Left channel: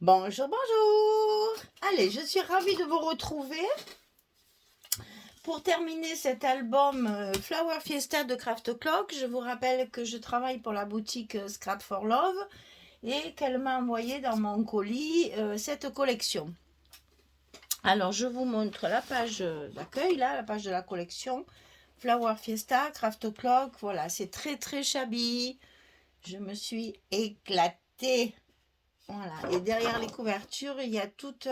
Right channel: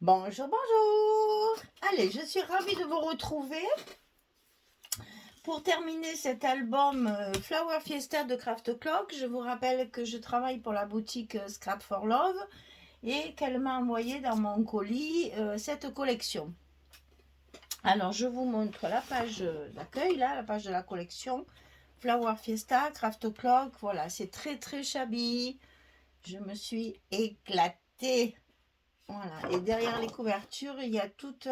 Bonjour, bonjour. Allez, je suis ravie de vous retrouver pour terminer cet album Flower Fiesta de Craft Clock. Je vous rappelle que je travaille pour la boutique Scrap for Love et qu'elle m'a envoyé dans mon colis cette collection. Alors, je vous montre la page d'accueil, là, la page de la collection Flower Fiesta, Craft Clock. Voilà, c'est très très shabby. Je me suis éclatée. Voilà, et derrière les couvertures, il y a toute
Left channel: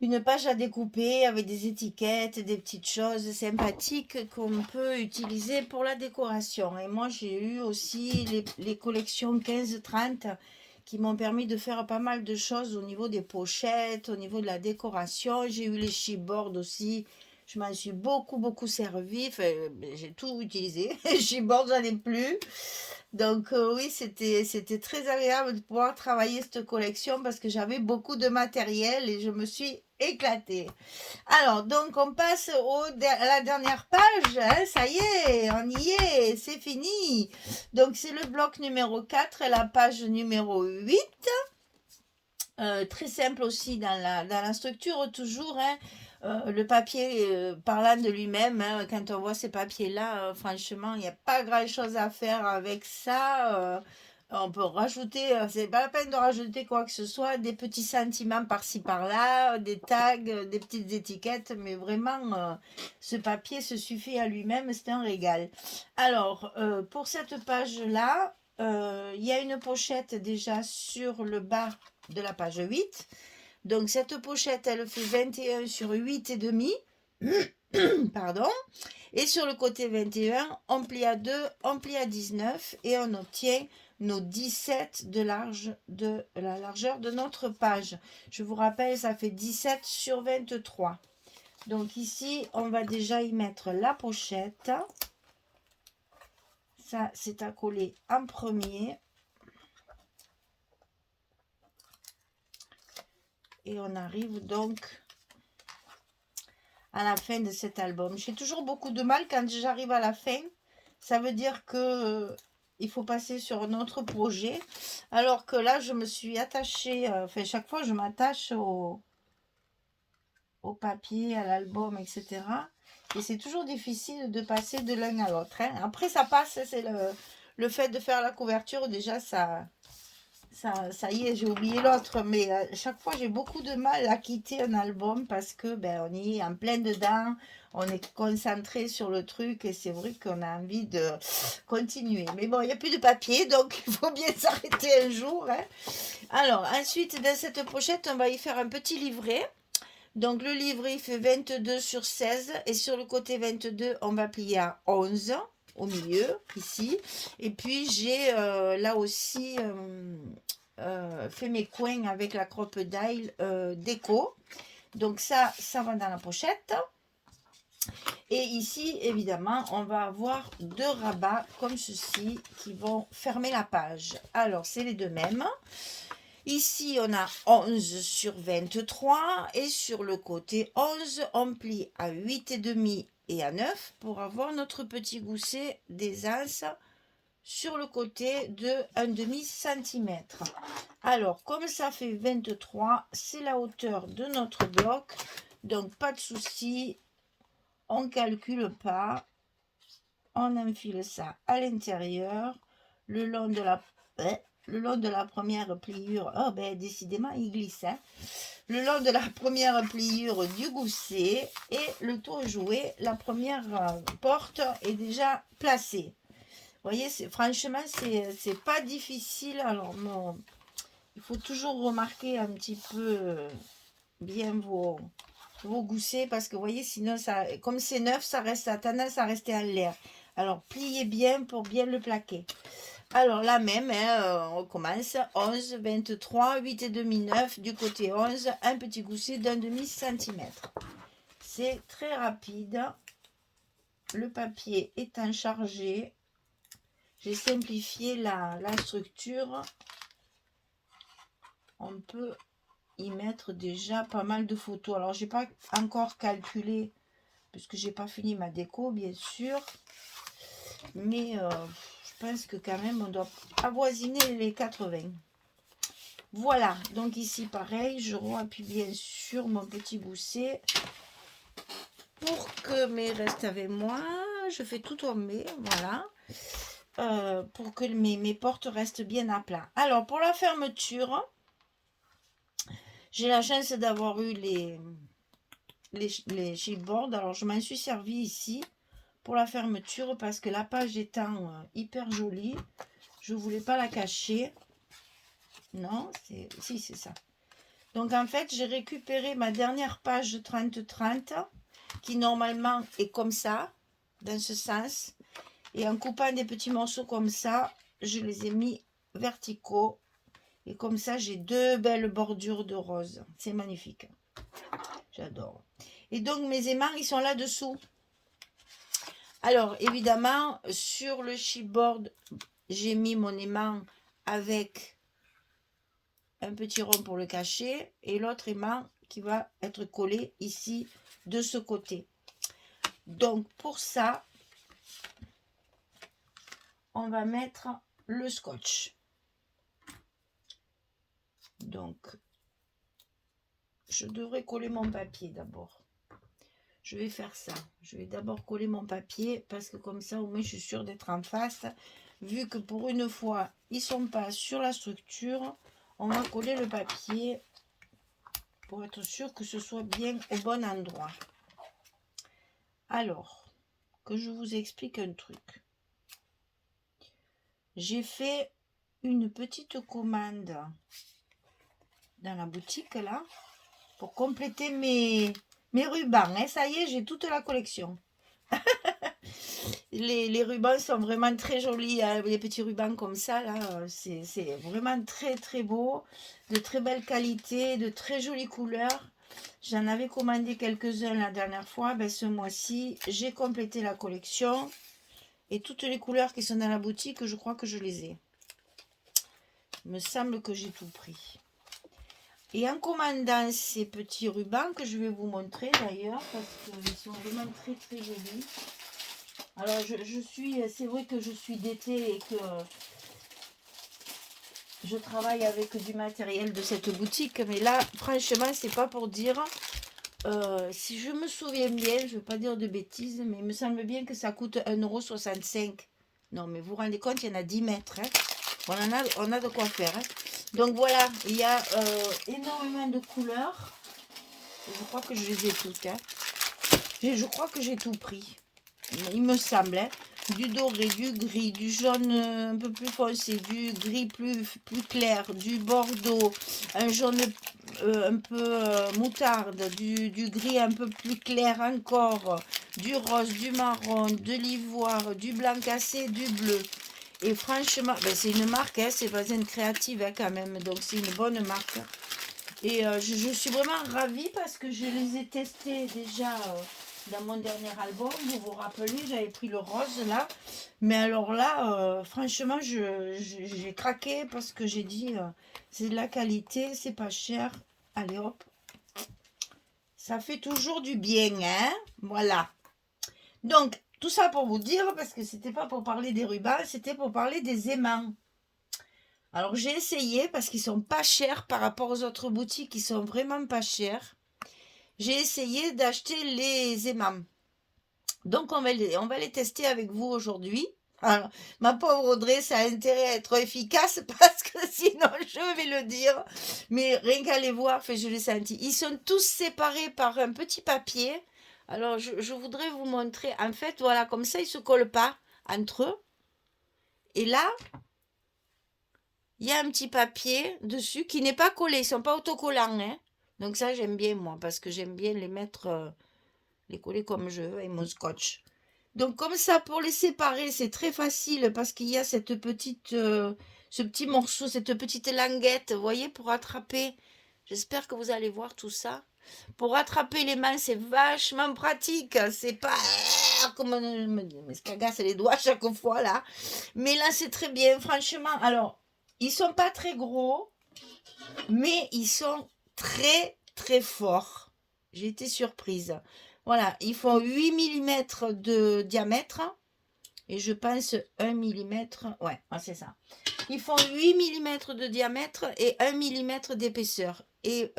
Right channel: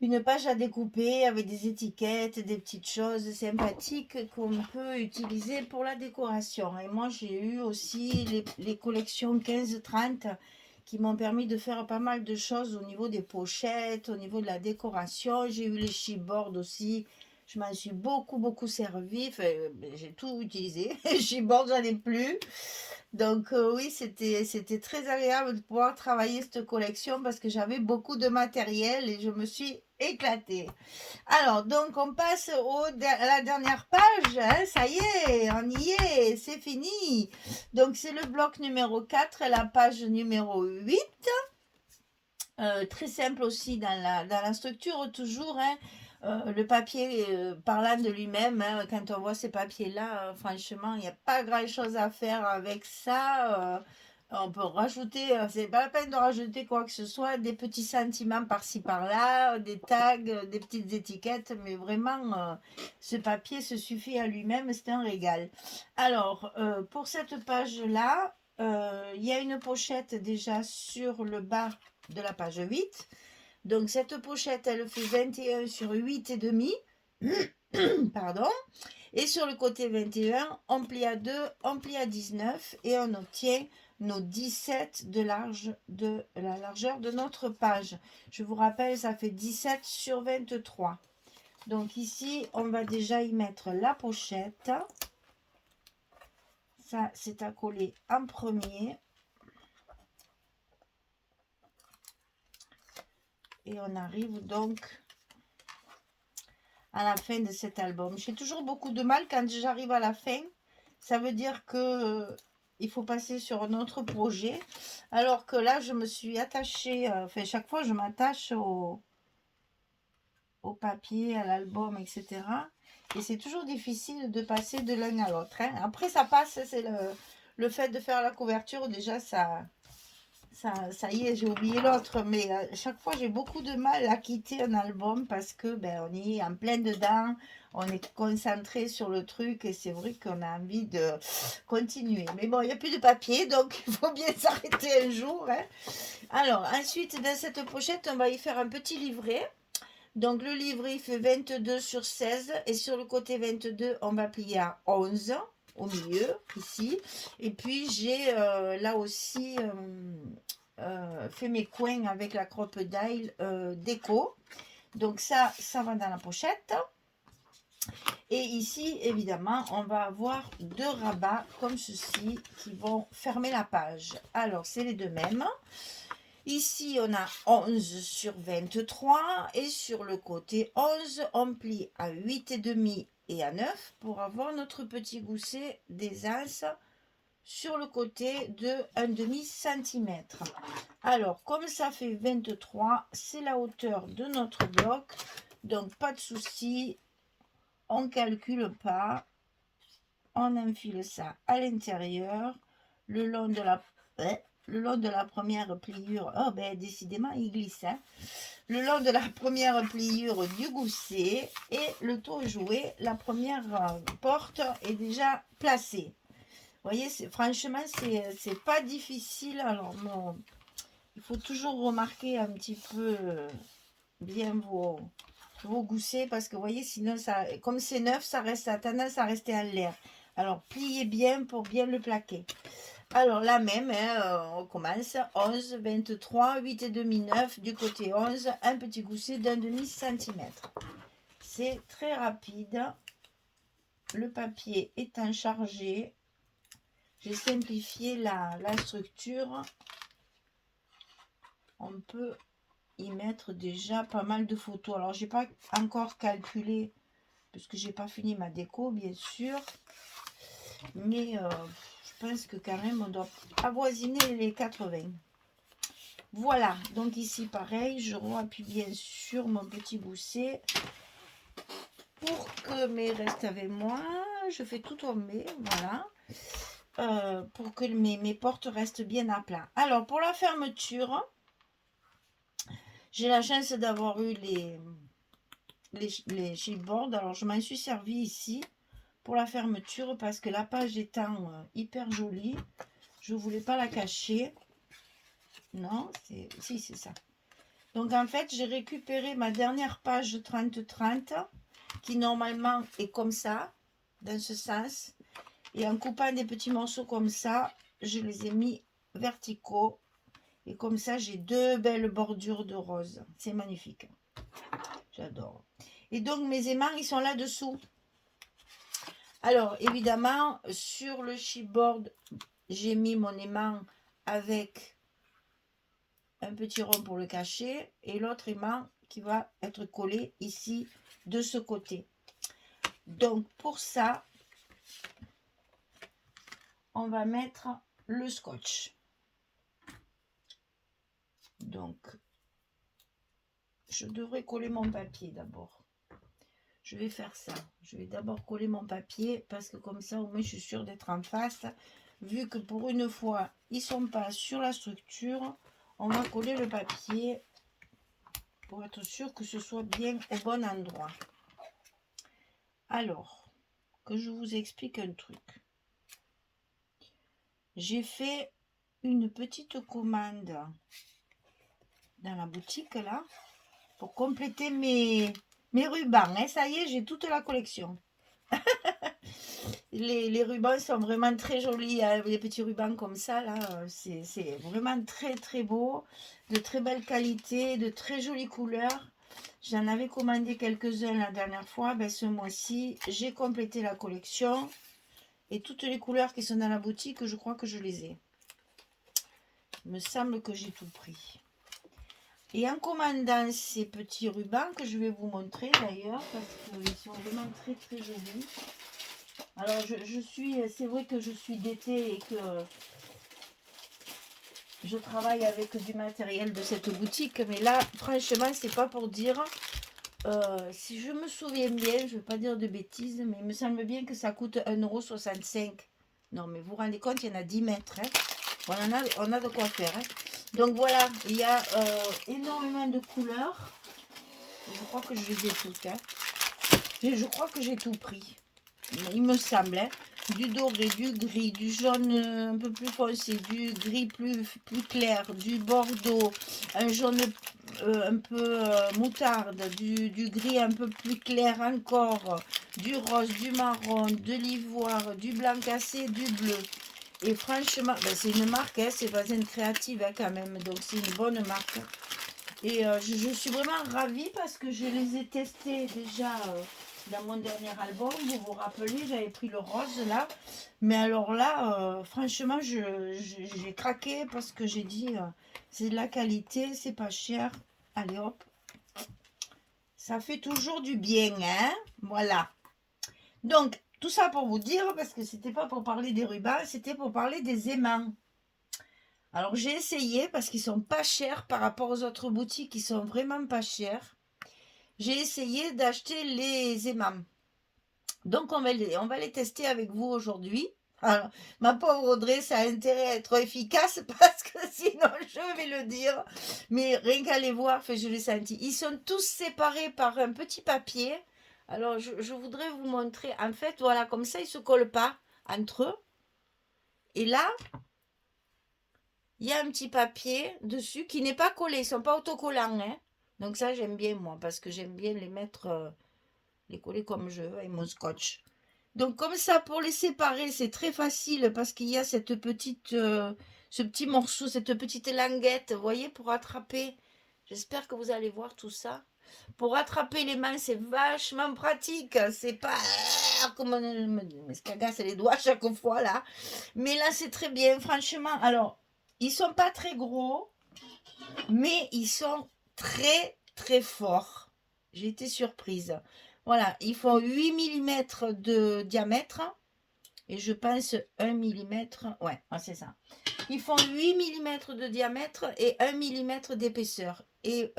une page à découper avec des étiquettes, des petites choses sympathiques qu'on peut utiliser pour la décoration. Et moi, j'ai eu aussi les collections 15-30 qui m'ont permis de faire pas mal de choses au niveau des pochettes, au niveau de la décoration. J'ai eu les chipboards aussi. Je m'en suis beaucoup servi. Enfin, j'ai tout utilisé. Les chipboards, j'en ai plus. Donc oui, c'était très agréable de pouvoir travailler cette collection parce que j'avais beaucoup de matériel et je me suis éclatée. Alors, donc on passe à la dernière page, hein, ça y est, on y est, c'est fini. Donc c'est le bloc numéro 4 et la page numéro 8. Très simple aussi dans la structure, toujours, hein. Le papier parlant de lui-même, hein, quand on voit ces papiers-là, franchement, il n'y a pas grand-chose à faire avec ça. On peut rajouter, c'est pas la peine de rajouter quoi que ce soit, des petits sentiments par-ci par-là, des tags, des petites étiquettes, mais vraiment, ce papier se suffit à lui-même, c'est un régal. Alors, pour cette page-là, il y a une pochette déjà sur le bas de la page 8. Donc cette pochette, elle fait 21 sur 8 et demi. Pardon. Et sur le côté 21, on plie à 2, on plie à 19 et on obtient nos 17 de la largeur de notre page. Je vous rappelle, ça fait 17 sur 23. Donc ici, on va déjà y mettre la pochette. Ça, c'est à coller en premier. Et on arrive donc à la fin de cet album. J'ai toujours beaucoup de mal quand j'arrive à la fin. Ça veut dire que il faut passer sur un autre projet. Alors que là, je me suis attachée, enfin chaque fois je m'attache au papier, à l'album, etc. Et c'est toujours difficile de passer de l'un à l'autre, hein. Après, ça passe, c'est le fait de faire la couverture, déjà, ça y est, j'ai oublié l'autre, mais chaque fois j'ai beaucoup de mal à quitter un album parce que ben, on y est en plein dedans, on est concentré sur le truc et c'est vrai qu'on a envie de continuer. Mais bon, il n'y a plus de papier, donc il faut bien s'arrêter un jour, hein. Alors, ensuite, dans cette pochette, on va y faire un petit livret. Donc, le livret, il fait 22 sur 16 et sur le côté 22, on va plier à 11 au milieu, ici. Et puis, j'ai là aussi fait mes coins avec la crocodile déco. Donc, ça va dans la pochette. Et ici, évidemment, on va avoir deux rabats comme ceci qui vont fermer la page. Alors, c'est les deux mêmes. Ici, on a 11 sur 23 et sur le côté 11, on plie à 8,5 et à 9 pour avoir notre petit gousset des As sur le côté de 1,5 cm. Alors, comme ça fait 23, c'est la hauteur de notre bloc, donc pas de souci, on ne calcule pas, on enfile ça à l'intérieur, le long de la première pliure. Oh ben décidément il glisse, hein. Le long de la première pliure du gousset et le tour joué, la première porte est déjà placée. Vous voyez, franchement c'est pas difficile. Alors bon, il faut toujours remarquer un petit peu bien vos goussets parce que vous voyez, sinon ça, comme c'est neuf, ça a tendance à rester en l'air. Alors pliez bien pour bien le plaquer. Alors la même, hein, on commence 11, 23, 8,5, 9, du côté 11, un petit gousset d'1,5 cm. C'est très rapide. Le papier étant chargé, j'ai simplifié la structure. On peut y mettre déjà pas mal de photos. Alors j'ai pas encore calculé puisque j'ai pas fini ma déco bien sûr, mais je pense que quand même on doit avoisiner les 80. Voilà, donc ici pareil, je appuie bien sur mon petit gousset pour que mes restent avec moi. Je fais tout tomber, voilà, pour que mes portes restent bien à plat. Alors pour la fermeture, j'ai la chance d'avoir eu les chipboards. Alors je m'en suis servi ici pour la fermeture parce que la page étant hyper jolie, je voulais pas la cacher. Non, si c'est ça. Donc en fait, j'ai récupéré ma dernière page 30-30 qui normalement est comme ça, dans ce sens. Et en coupant des petits morceaux comme ça, je les ai mis verticaux. Et comme ça, j'ai deux belles bordures de rose. C'est magnifique. J'adore. Et donc, mes aimants, ils sont là-dessous. Alors, évidemment, sur le chipboard, j'ai mis mon aimant avec un petit rond pour le cacher. Et l'autre aimant qui va être collé ici, de ce côté. Donc, pour ça, on va mettre le scotch. Donc, je devrais coller mon papier d'abord. Je vais faire ça. Je vais d'abord coller mon papier parce que comme ça, au moins, je suis sûre d'être en face. Vu que pour une fois, ils ne sont pas sur la structure, on va coller le papier pour être sûr que ce soit bien au bon endroit. Alors, que je vous explique un truc. J'ai fait une petite commande dans la boutique là pour compléter mes rubans. Hein. Ça y est, j'ai toute la collection. Les rubans sont vraiment très jolis. Hein. Les petits rubans comme ça, là, c'est vraiment très très beau. De très belle qualité, de très jolies couleurs. J'en avais commandé quelques-uns la dernière fois. Ben, ce mois-ci, j'ai complété la collection. Et toutes les couleurs qui sont dans la boutique, je crois que je les ai. Il me semble que j'ai tout pris. Et en commandant ces petits rubans que je vais vous montrer d'ailleurs, parce qu'ils sont vraiment très très jolis. Alors c'est vrai que je suis d'été et que je travaille avec du matériel de cette boutique, mais là franchement c'est pas pour dire. Si je me souviens bien, je ne vais pas dire de bêtises, mais il me semble bien que ça coûte 1,65 €. Non mais vous vous rendez compte, il y en a 10 mètres. Hein. On a de quoi faire. Hein. Donc voilà, il y a énormément de couleurs. Je crois que je les ai toutes. Hein. Je crois que j'ai tout pris. Il me semble. Hein. Du doré, du gris, du jaune un peu plus foncé, du gris plus clair, du bordeaux, un jaune un peu moutarde, du gris un peu plus clair encore, du rose, du marron, de l'ivoire, du blanc cassé, du bleu. Et franchement, ben c'est une marque, hein, c'est pas une créative hein, quand même, donc c'est une bonne marque. Et je suis vraiment ravie parce que je les ai testés déjà dans mon dernier album. Vous vous rappelez, j'avais pris le rose là. Mais alors là, franchement, j'ai craqué parce que j'ai dit, c'est de la qualité, c'est pas cher. Allez hop, ça fait toujours du bien, hein. Voilà. Donc, tout ça pour vous dire, parce que c'était pas pour parler des rubans, c'était pour parler des aimants. Alors j'ai essayé parce qu'ils sont pas chers par rapport aux autres boutiques, ils sont vraiment pas chers. J'ai essayé d'acheter les aimants. Donc on va les tester avec vous aujourd'hui. Alors, ma pauvre Audrey, ça a intérêt à être efficace parce que sinon je vais le dire. Mais rien qu'à les voir, je l'ai senti. Ils sont tous séparés par un petit papier. Alors je voudrais vous montrer. En fait, voilà, comme ça, ils ne se collent pas entre eux. Et là, il y a un petit papier dessus qui n'est pas collé. Ils ne sont pas autocollants. Hein. Donc ça, j'aime bien moi parce que j'aime bien les mettre, les coller comme je veux avec mon scotch. Donc comme ça, pour les séparer, c'est très facile parce qu'il y a cette petite, ce petit morceau, cette petite languette, vous voyez, pour attraper. J'espère que vous allez voir tout ça. Pour attraper les mains, c'est vachement pratique. C'est pas comme on me cagasse les doigts chaque fois là. Mais là, c'est très bien, franchement. Alors, ils sont pas très gros, mais ils sont très très forts. J'ai été surprise. Voilà, ils font 8 mm de diamètre. Et je pense 1 mm. Ouais, c'est ça. Ils font 8 mm de diamètre et 1 mm d'épaisseur. Et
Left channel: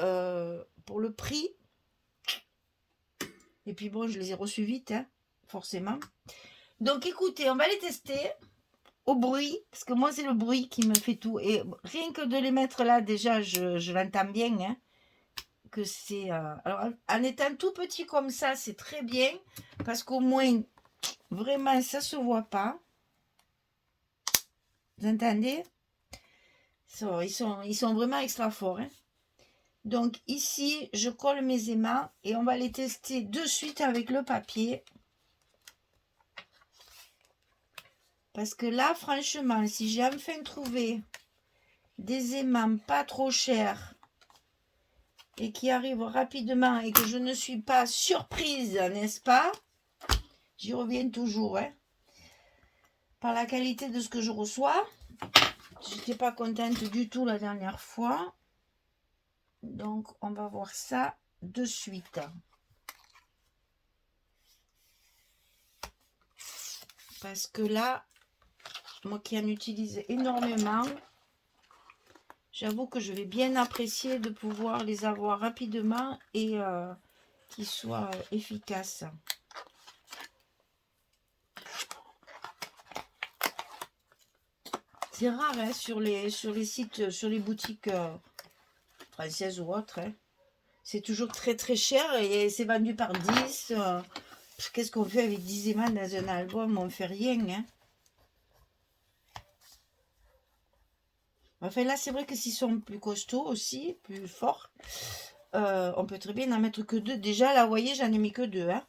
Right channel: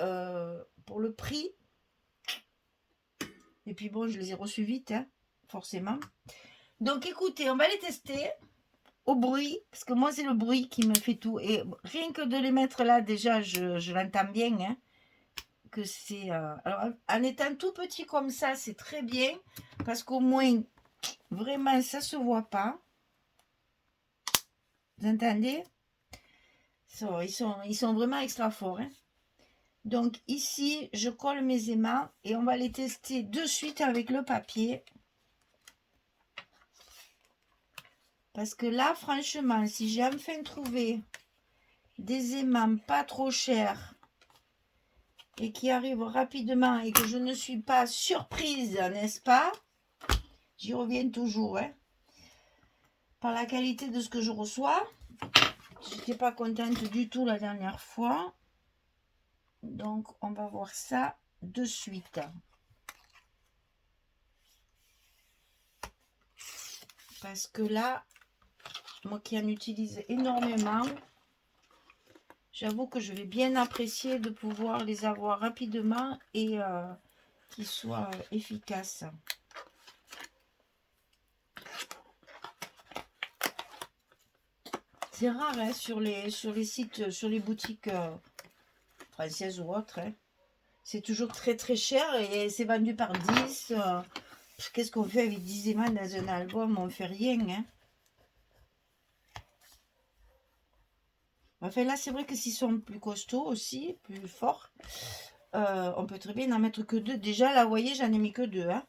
pour le prix, et puis bon, je les ai reçus vite, hein, forcément. Donc écoutez, on va les tester au bruit, parce que moi c'est le bruit qui me fait tout. Et rien que de les mettre là, déjà, je l'entends bien, hein, que c'est... alors, en étant tout petit comme ça, c'est très bien, parce qu'au moins, vraiment, ça se voit pas. Vous entendez? Ils sont vraiment extra forts, hein. Donc ici, je colle mes aimants et on va les tester de suite avec le papier. Parce que là, franchement, si j'ai enfin trouvé des aimants pas trop chers et qui arrivent rapidement et que je ne suis pas surprise, n'est-ce pas? J'y reviens toujours, hein, par la qualité de ce que je reçois. Je n'étais pas contente du tout la dernière fois. Donc, on va voir ça de suite. Parce que là, moi qui en utilise énormément, j'avoue que je vais bien apprécier de pouvoir les avoir rapidement et qu'ils soient efficaces. C'est rare, hein, sur les sites, sur les boutiques françaises ou autres. Hein. C'est toujours très très cher et c'est vendu par 10. Qu'est-ce qu'on fait avec 10 aimants dans un album? On fait rien. Hein. Enfin là, c'est vrai que s'ils sont plus costauds aussi, plus forts, on peut très bien n'en mettre que 2. Déjà, là, vous voyez, j'en ai mis que 2. Hein.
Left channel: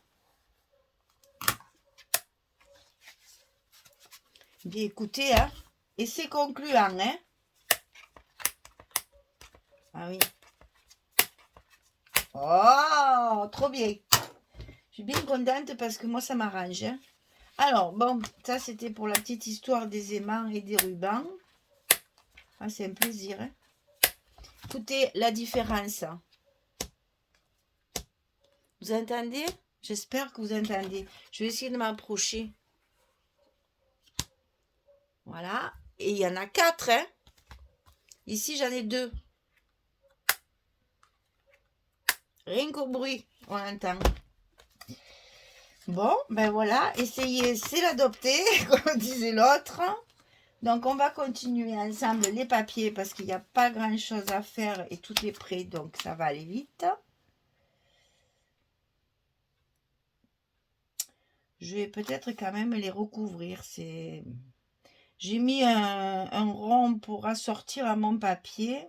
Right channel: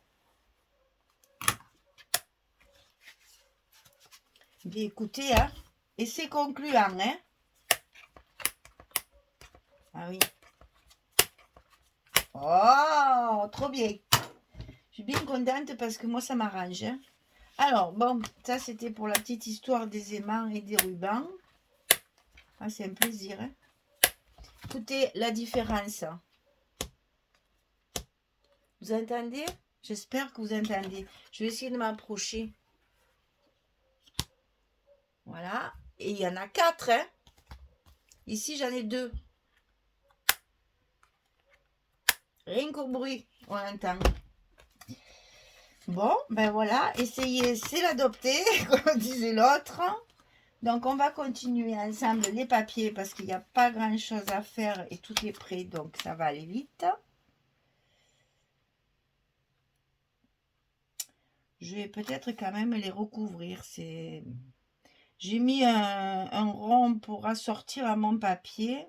Bien écoutez, hein, et c'est concluant. Hein. Ah oui. Oh, trop bien. Je suis bien contente parce que moi, ça m'arrange. Hein. Alors, bon, ça, c'était pour la petite histoire des aimants et des rubans. Ah, c'est un plaisir. Hein. Écoutez la différence. Vous entendez? J'espère que vous entendez. Je vais essayer de m'approcher. Voilà. Et il y en a 4. Hein. Ici, j'en ai 2. Rien qu'au bruit, on entend. Bon, ben voilà. Essayez, c'est l'adopter, comme disait l'autre. Donc, on va continuer ensemble les papiers parce qu'il n'y a pas grand-chose à faire et tout est prêt. Donc, ça va aller vite. Je vais peut-être quand même les recouvrir. J'ai mis un rond pour assortir à mon papier.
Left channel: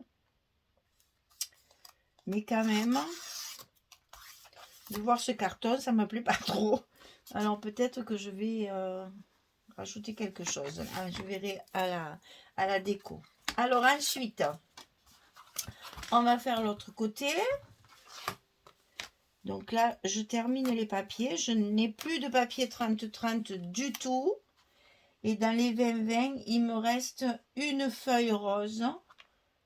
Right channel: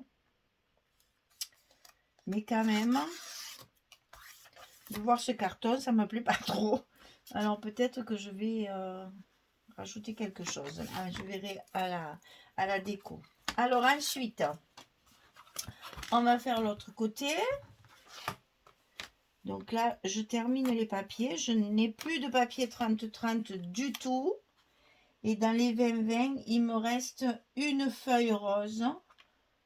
Mais quand même, de voir ce carton, ça ne me plaît pas trop. Alors, peut-être que je vais rajouter quelque chose. Je verrai à la déco. Alors, ensuite, on va faire l'autre côté. Donc là, je termine les papiers. Je n'ai plus de papier 30-30 du tout. Et dans les 20-20, il me reste une feuille rose.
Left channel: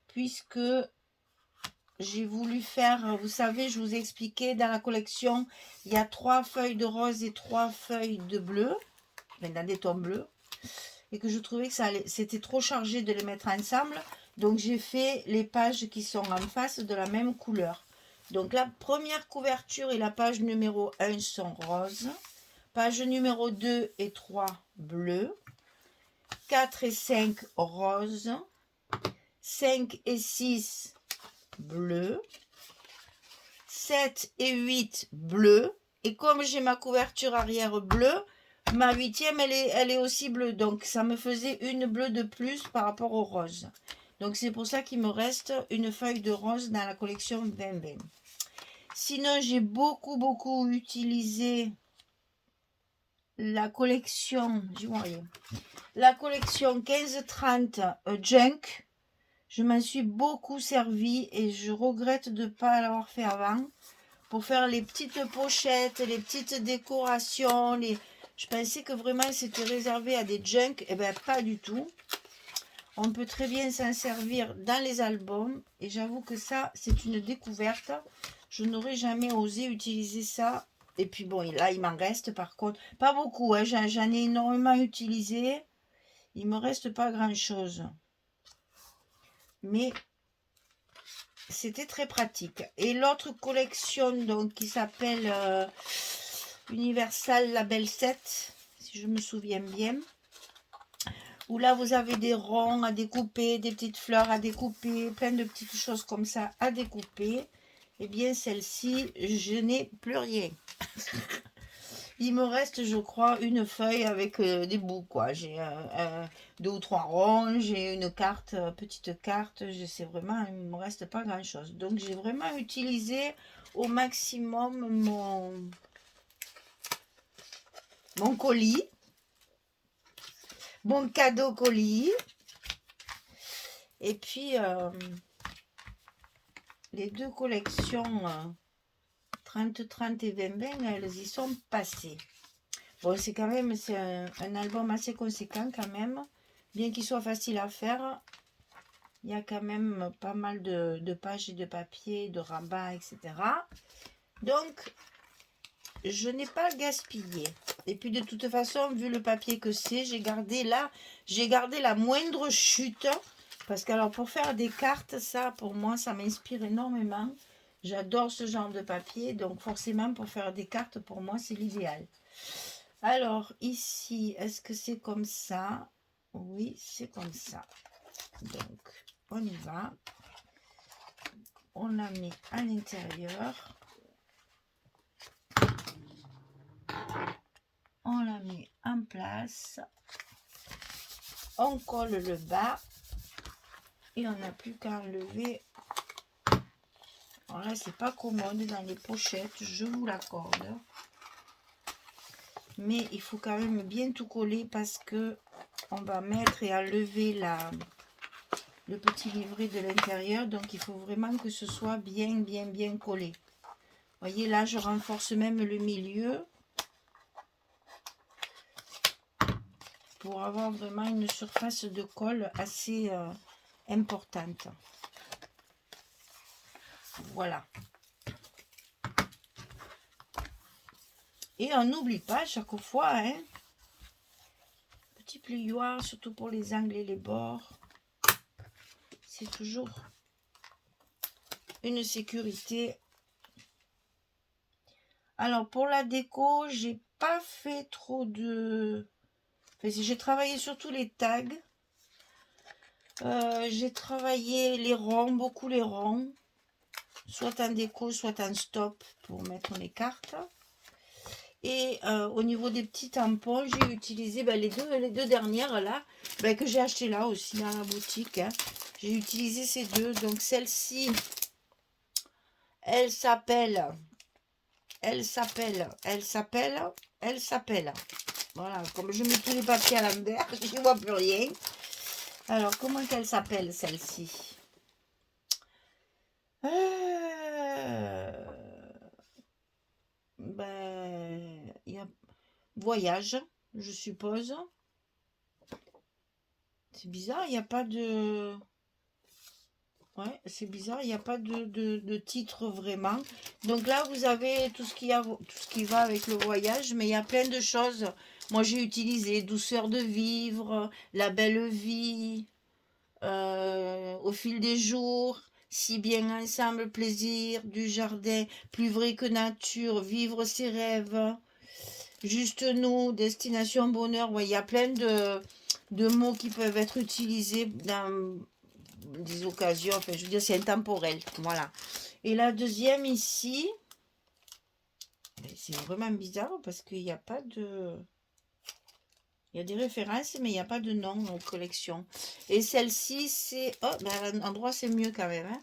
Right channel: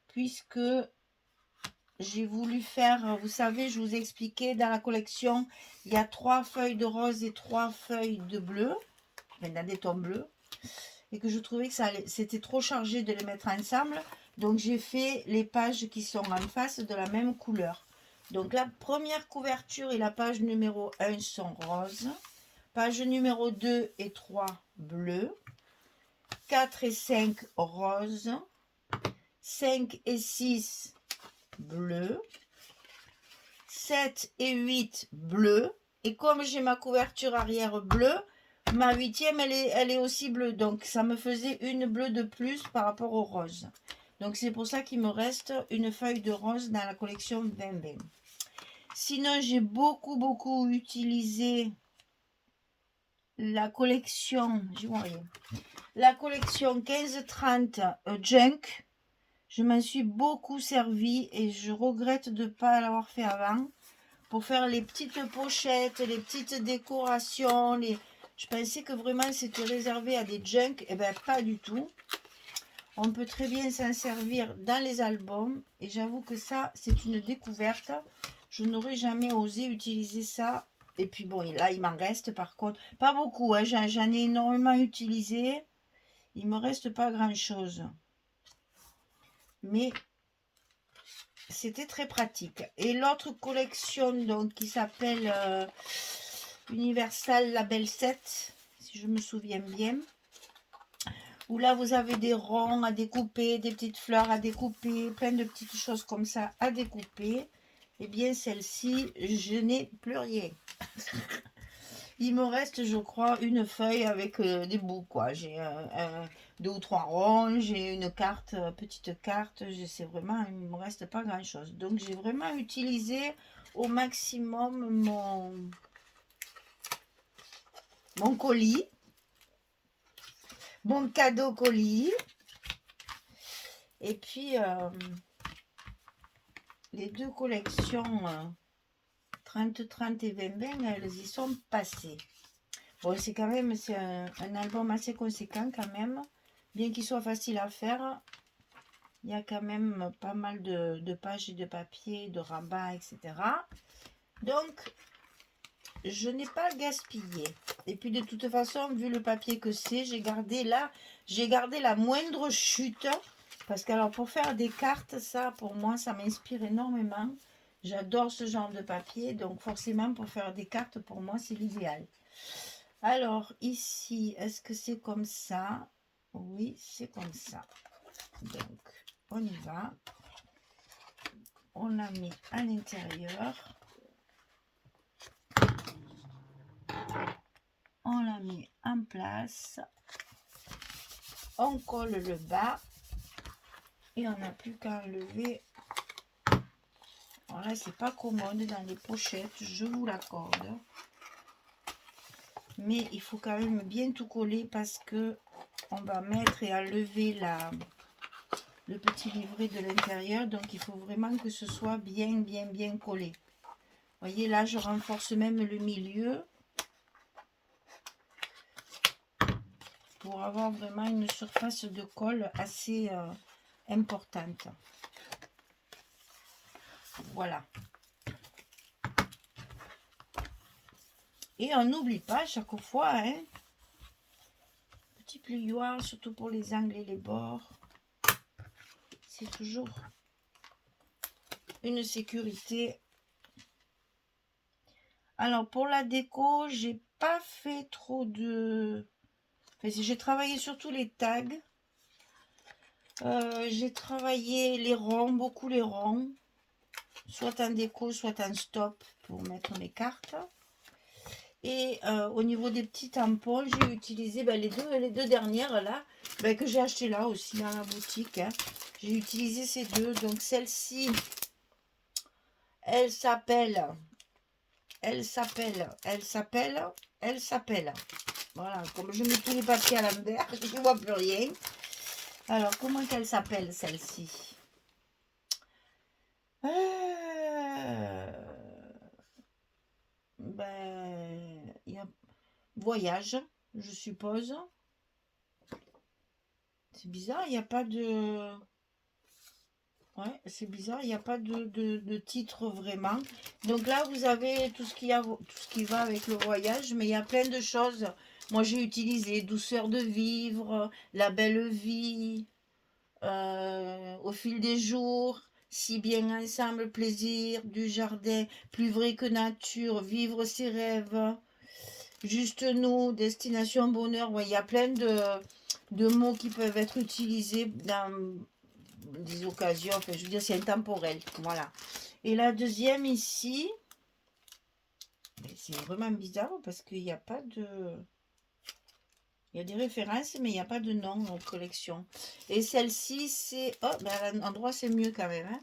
Puisque j'ai voulu faire, vous savez, je vous ai expliqué, dans la collection, il y a 3 feuilles de rose et 3 feuilles de bleu. Dans des tons bleus. Et que je trouvais que c'était trop chargé de les mettre ensemble. Donc j'ai fait les pages qui sont en face de la même couleur. Donc la première couverture et la page numéro 1 sont roses. Page numéro 2 et 3 bleu. 4 et 5 roses. 5 et 6 bleu. 7 et 8 bleu. Et comme j'ai ma couverture arrière bleue, ma 8e elle est aussi bleue. Donc ça me faisait une bleue de plus par rapport au rose. Donc c'est pour ça qu'il me reste une feuille de rose dans la collection 2020. Sinon, j'ai beaucoup utilisé la collection, la collection 15-30 Junk. Je m'en suis beaucoup servi et je regrette de ne pas l'avoir fait avant. Pour faire les petites pochettes, les petites décorations. Je pensais que vraiment c'était réservé à des Junk. Eh bien, pas du tout. On peut très bien s'en servir dans les albums. Et j'avoue que ça, c'est une découverte. Je n'aurais jamais osé utiliser ça Et puis bon, là, il m'en reste par contre. Pas beaucoup, hein, j'en ai énormément utilisé. Il me reste pas grand-chose. Mais c'était très pratique. Et l'autre collection, donc, qui s'appelle Universal Label 7, si je me souviens bien. Où là, vous avez des ronds à découper, des petites fleurs à découper, plein de petites choses comme ça à découper. Eh bien, celle-ci, je n'ai plus rien. Il me reste, je crois, une feuille avec des bouts, quoi. J'ai deux ou trois ronds, j'ai une carte, petite carte. Je sais vraiment, il ne me reste pas grand-chose. Donc, j'ai vraiment utilisé au maximum mon colis, mon cadeau colis. Et puis, les deux collections 30-30 et 20-20, elles y sont passées. Bon, c'est quand même un album assez conséquent quand même. Bien qu'il soit facile à faire, il y a quand même pas mal de pages et de papier, de rabat, etc. Donc, je n'ai pas gaspillé. Et puis de toute façon, vu le papier que c'est, j'ai gardé la moindre chute. Parce que alors pour faire des cartes, ça pour moi, ça m'inspire énormément. J'adore ce genre de papier. Donc forcément, pour faire des cartes, pour moi, c'est l'idéal. Alors, ici, est-ce que c'est comme ça? Oui, c'est comme ça. Donc, on y va. On la met à l'intérieur. On la met en place. On colle le bas. Et on n'a plus qu'à enlever. Alors là, c'est pas commode dans les pochettes, je vous l'accorde. Mais il faut quand même bien tout coller parce que on va mettre et enlever le petit livret de l'intérieur. Donc il faut vraiment que ce soit bien collé. Vous voyez là, je renforce même le milieu pour avoir vraiment une surface de colle assez importante. Voilà. Et on n'oublie pas chaque fois, hein, petit plioir, surtout pour les angles et les bords. C'est toujours une sécurité. Alors pour la déco, j'ai pas fait trop de... Enfin, j'ai travaillé surtout les tags. J'ai travaillé les ronds, beaucoup les ronds. Soit en déco, soit en stop pour mettre les cartes. Et au niveau des petits tampons, j'ai utilisé les deux dernières là, que j'ai acheté là aussi dans la boutique. Hein. J'ai utilisé ces deux. Donc celle-ci, elle s'appelle. Voilà, comme je mets tous les papiers à l'envers, je ne vois plus rien. Alors, comment qu'elle s'appelle celle-ci? Il y a voyage, je suppose. C'est bizarre, il n'y a pas de... Ouais, c'est bizarre, il n'y a pas de titre vraiment. Donc là, vous avez tout ce qui va avec le voyage, mais il y a plein de choses. Moi, j'ai utilisé douceur de vivre, la belle vie, au fil des jours, si bien ensemble, plaisir du jardin, plus vrai que nature, vivre ses rêves, juste nous, destination bonheur. Ouais, il y a plein de mots qui peuvent être utilisés dans des occasions, enfin je veux dire c'est intemporel, voilà. Et la deuxième ici, c'est vraiment bizarre parce qu'il n'y a pas de... Il y a des références mais il n'y a pas de nom en collection. Et celle-ci c'est... Oh, à l'endroit c'est mieux quand même. Hein.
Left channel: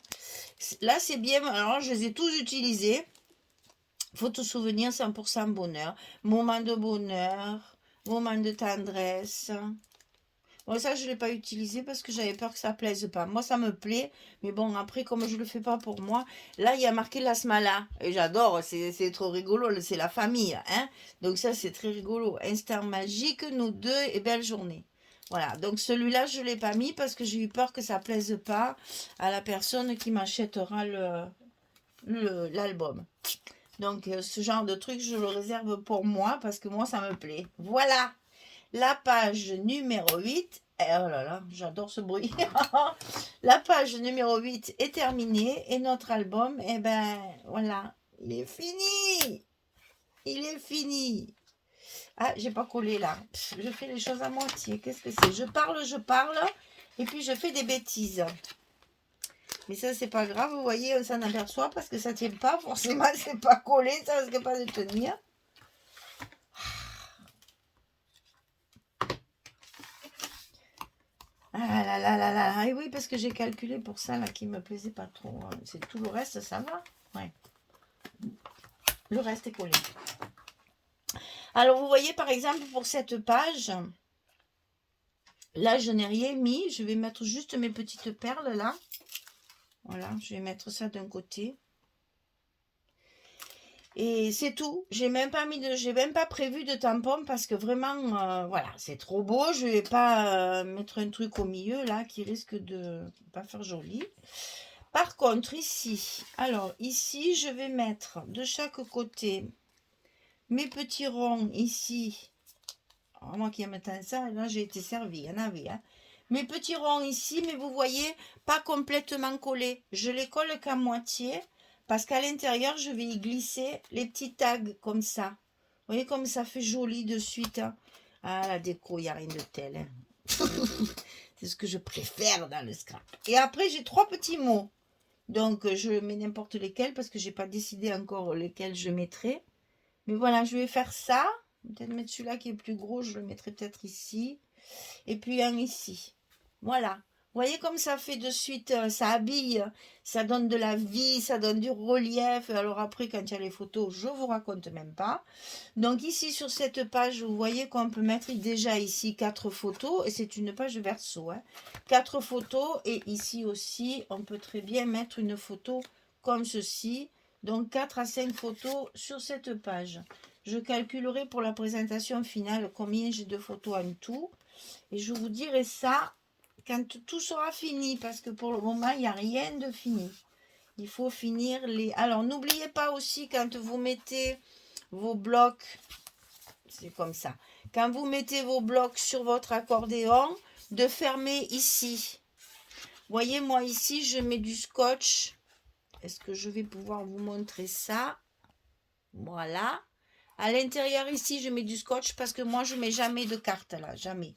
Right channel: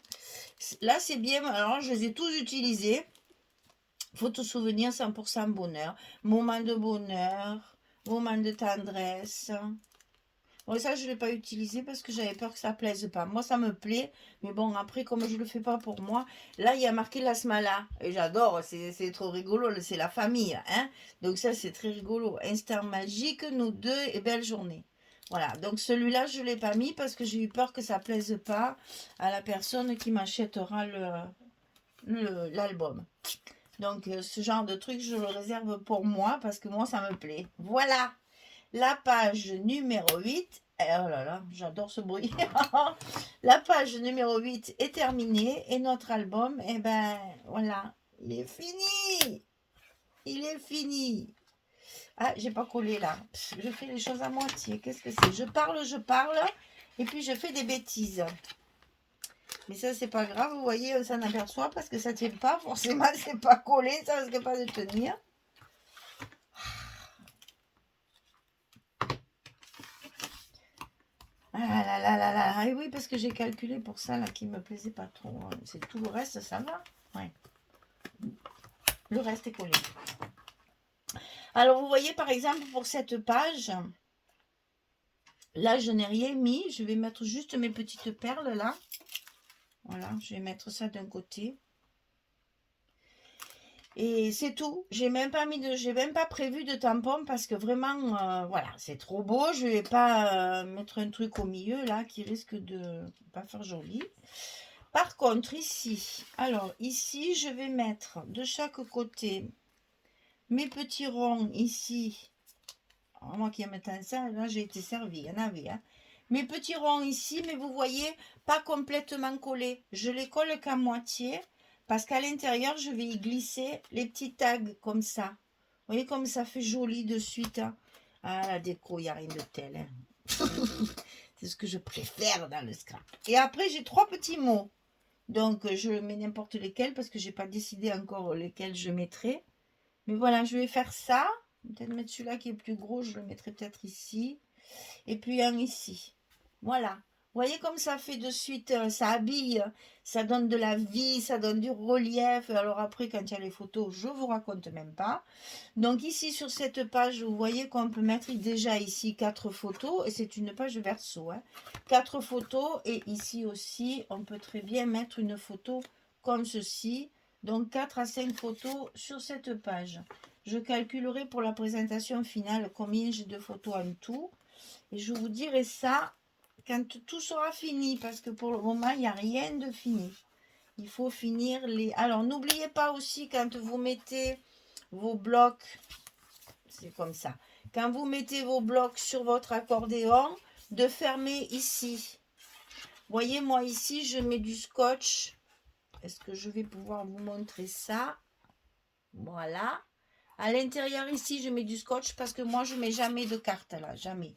Là c'est bien, alors je les ai tous utilisés. Photo souvenir 100% bonheur. Moment de bonheur, moment de tendresse. Bon, ça, je ne l'ai pas utilisé parce que j'avais peur que ça ne plaise pas. Moi, ça me plaît. Mais bon, après, comme je ne le fais pas pour moi, là, il y a marqué la Smala. Et j'adore, c'est trop rigolo. C'est la famille. Hein. Donc ça, c'est très rigolo. Instant magique, nous deux et belle journée. Voilà, donc celui-là, je ne l'ai pas mis parce que j'ai eu peur que ça ne plaise pas à la personne qui m'achètera l'album. Donc, ce genre de truc, je le réserve pour moi parce que moi, ça me plaît. Voilà, la page numéro 8. Oh là là, j'adore ce bruit. La page numéro 8 est terminée et notre album, eh ben, voilà, il est fini. Il est fini. Ah, j'ai pas collé là. Je fais les choses à moitié. Qu'est-ce que c'est? Je parle, et puis je fais des bêtises. Mais ça, c'est pas grave, vous voyez, on s'en aperçoit parce que ça tient pas. Forcément, c'est pas collé, ça risque pas de tenir. Ah là là là là. Et oui, parce que j'ai calculé pour ça là qui me plaisait pas trop. C'est tout le reste, ça va. Ouais. Le reste est collé. Alors, vous voyez, par exemple, pour cette page, là, je n'ai rien mis. Je vais mettre juste mes petites perles là. Voilà, je vais mettre ça d'un côté. Et c'est tout. J'ai même pas prévu de tampon parce que vraiment, voilà, c'est trop beau. Je vais pas mettre un truc au milieu là qui risque de pas faire joli. Par contre, ici, alors ici, je vais mettre de chaque côté mes petits ronds ici. Alors, moi qui aime tant ça, là j'ai été servie, il y en avait. Hein. Mes petits ronds ici, mais vous voyez, pas complètement collés. Je les colle qu'à moitié. Parce qu'à l'intérieur, je vais y glisser les petits tags comme ça. Vous voyez comme ça fait joli de suite. Hein. Ah, la déco, il n'y a rien de tel. Hein. C'est ce que je préfère dans le scrap. Et après, j'ai 3 petits mots. Donc, je mets n'importe lesquels parce que je n'ai pas décidé encore lesquels je mettrai. Mais voilà, je vais faire ça. Peut-être mettre celui-là qui est plus gros. Je le mettrai peut-être ici. Et puis un ici. Voilà. Vous voyez comme ça fait de suite, ça habille, ça donne de la vie, ça donne du relief. Alors après, quand il y a les photos, je vous raconte même pas. Donc ici, sur cette page, vous voyez qu'on peut mettre déjà ici 4 photos. Et c'est une page verso. Hein. 4 photos. Et ici aussi, on peut très bien mettre une photo comme ceci. Donc 4 à 5 photos sur cette page. Je calculerai pour la présentation finale combien j'ai de photos en tout. Et je vous dirai ça quand tout sera fini, parce que pour le moment, il n'y a rien de fini. Il faut finir les... Alors, n'oubliez pas aussi, quand vous mettez vos blocs, c'est comme ça, quand vous mettez vos blocs sur votre accordéon, de fermer ici. Voyez, moi ici, je mets du scotch. Est-ce que je vais pouvoir vous montrer ça? Voilà. À l'intérieur ici, je mets du scotch parce que moi, je ne mets jamais de carte là, jamais.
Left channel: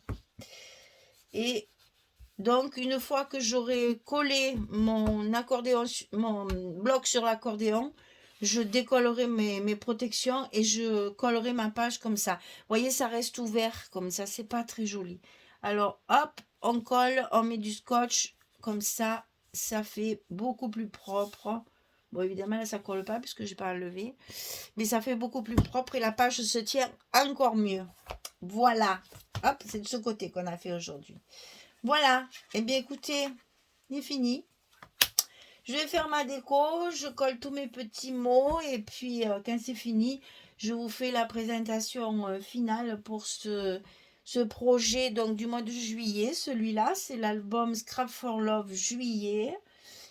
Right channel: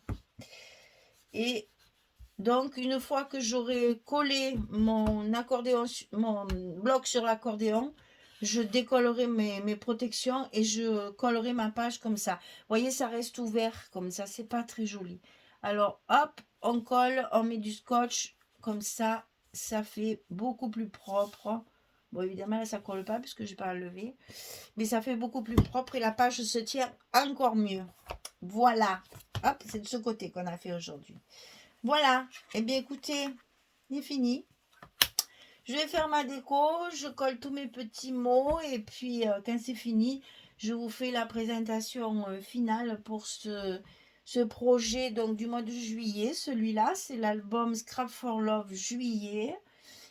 Et donc, une fois que j'aurai collé mon accordéon, mon bloc sur l'accordéon, je décollerai mes protections et je collerai ma page comme ça. Vous voyez, ça reste ouvert comme ça, c'est pas très joli. Alors, hop, on colle, on met du scotch, comme ça, ça fait beaucoup plus propre. Bon, évidemment, là, ça colle pas puisque je n'ai pas enlevé. Mais ça fait beaucoup plus propre et la page se tient encore mieux. Voilà. Hop, c'est de ce côté qu'on a fait aujourd'hui. Voilà, eh bien écoutez, c'est fini. Je vais faire ma déco, je colle tous mes petits mots et puis quand c'est fini, je vous fais la présentation finale pour ce projet donc du mois de juillet. Celui-là, c'est l'album Scrap for Love juillet.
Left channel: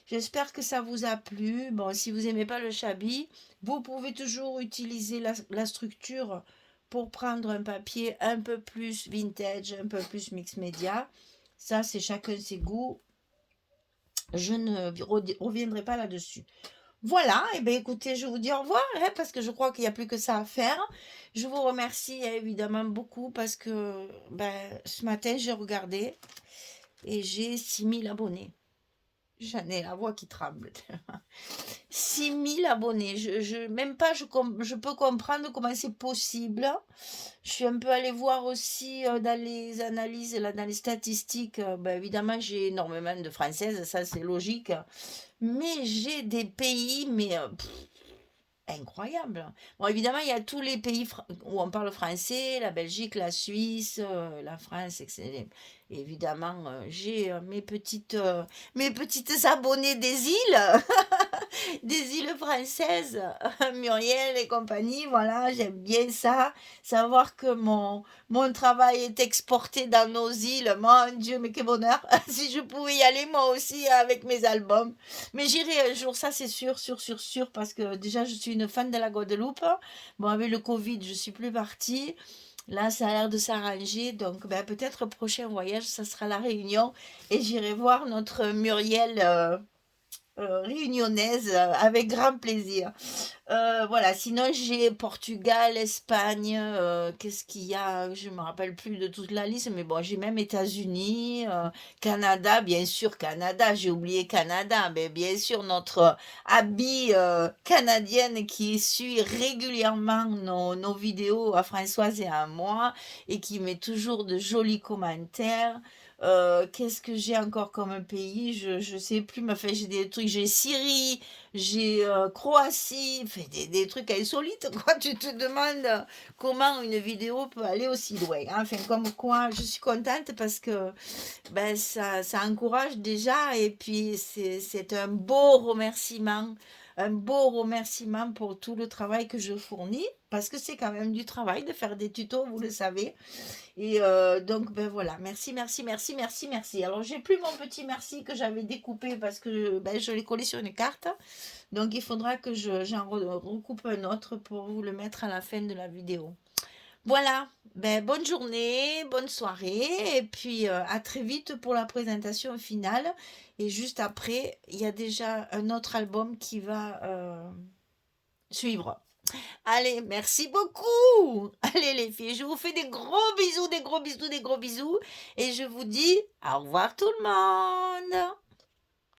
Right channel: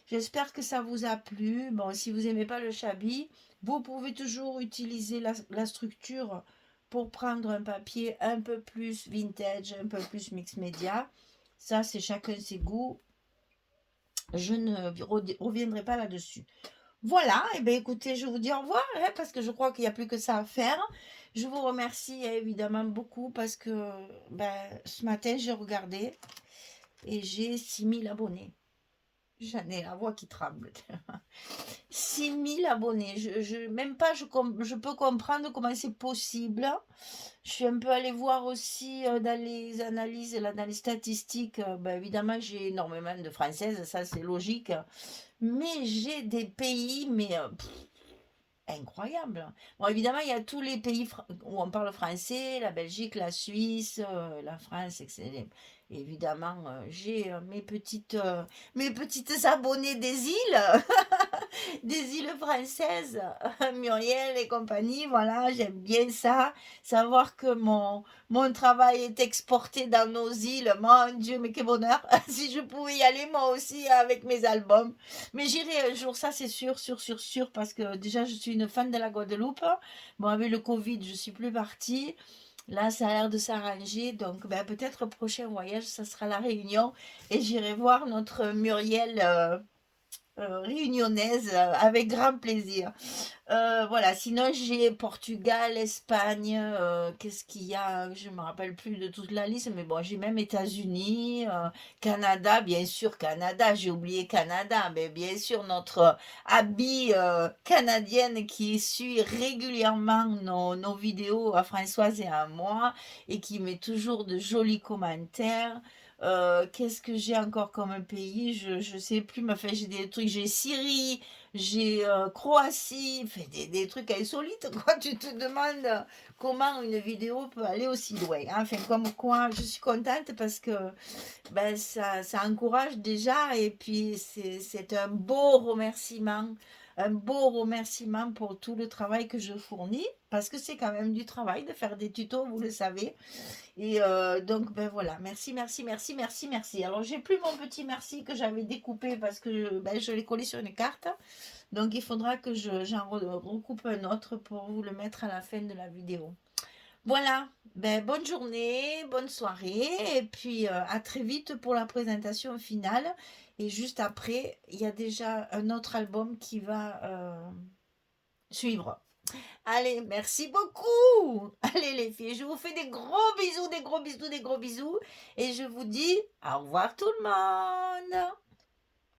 J'espère que ça vous a plu. Bon, si vous n'aimez pas le shabby, vous pouvez toujours utiliser la structure pour prendre un papier un peu plus vintage, un peu plus mix média. Ça, c'est chacun ses goûts. Je ne reviendrai pas là-dessus. Voilà, et bien écoutez, je vous dis au revoir, hein, parce que je crois qu'il n'y a plus que ça à faire. Je vous remercie évidemment beaucoup parce que ce matin, j'ai regardé et j'ai 6000 abonnés. J'en ai la voix qui tremble. 6000 abonnés. Même pas, je peux comprendre comment c'est possible. Je suis un peu allée voir aussi dans les analyses, là, dans les statistiques. Évidemment, j'ai énormément de Françaises, ça c'est logique. Mais j'ai des pays, mais incroyable. Bon, évidemment, il y a tous les pays où on parle français, la Belgique, la Suisse, la France, etc. Évidemment, j'ai mes petites abonnées des îles. des îles françaises, Muriel et compagnie, voilà, j'aime bien ça. Savoir que mon travail est exporté dans nos îles, mon Dieu, mais quel bonheur. Si je pouvais y aller moi aussi avec mes albums. Mais j'irai un jour, ça c'est sûr, sûr, sûr, sûr, parce que déjà je suis une fan de la Guadeloupe. Bon, avec le Covid, je suis plus partie. Là, ça a l'air de s'arranger, donc ben, peut-être le prochain voyage, ça sera la Réunion et j'irai voir notre Muriel réunionnaise avec grand plaisir. Voilà, sinon j'ai Portugal, Espagne, qu'est-ce qu'il y a? Je me rappelle plus de toute la liste, mais bon, j'ai même États-Unis, Canada, bien sûr, Canada, j'ai oublié Canada, mais bien sûr, notre Abby canadienne qui suit régulièrement nos vidéos à Françoise et à moi et qui met toujours de jolis commentaires. Qu'est-ce que j'ai encore comme un pays? Je sais plus, mais enfin, j'ai des trucs, j'ai Syrie, j'ai Croatie, fait des trucs insolites, quoi. Tu te demandes comment une vidéo peut aller aussi loin, hein. Enfin, comme quoi, je suis contente parce que ben, ça encourage déjà et puis c'est un beau remerciement pour tout le travail que je fournis parce que c'est quand même du travail de faire des tutos, vous le savez. Et donc, ben voilà, merci, merci, merci, merci, merci. Alors, j'ai plus mon petit merci que j'avais découpé parce que ben, je l'ai collé sur une carte. Donc, il faudra que recoupe un autre pour vous le mettre à la fin de la vidéo. Voilà, ben, bonne journée, bonne soirée, et puis à très vite pour la présentation finale. Et juste après, il y a déjà un autre album qui va suivre. Allez, merci beaucoup. Allez les filles, je vous fais des gros bisous, des gros bisous, des gros bisous. Et je vous dis au revoir tout le monde.